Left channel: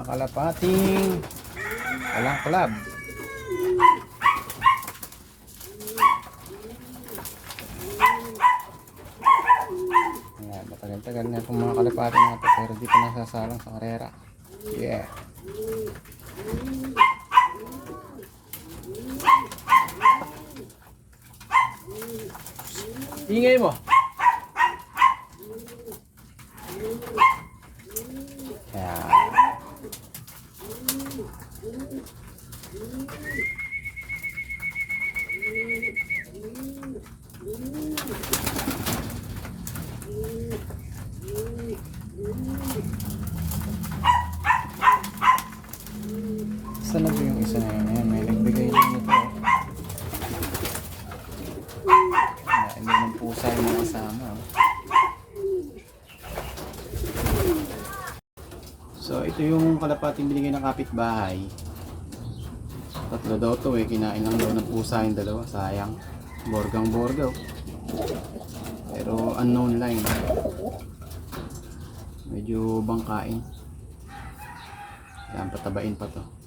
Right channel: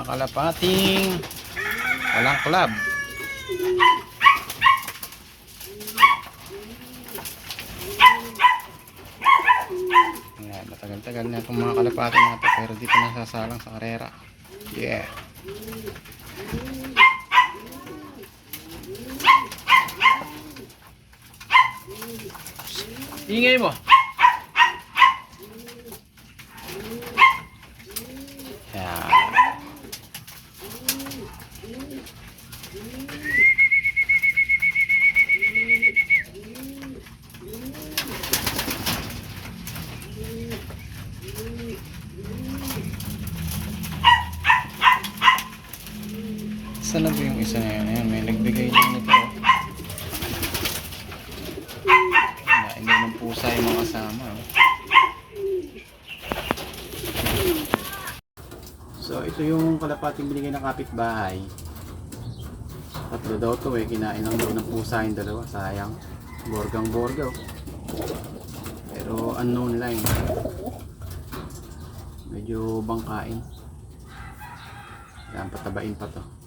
mga kalapating walang club. Ayan, matagal-tagal na itong mga kalapating natin pero di pa nasasalang sa karera. Yeah. Ingay mo. Ayan. Saan na ba yung isa na yun? Ayan, may nagbigay din nito. Hindi ng pusa yung mga kasama. So ito yung kalapating binigay ng kapitbahay. Tatlo daw to eh. Kinain lang daw ng pusa yung dalawa. Sayang. Borgang-borgaw. Pero unknown line. Medyo bangkain. Ayan, patabain pa to.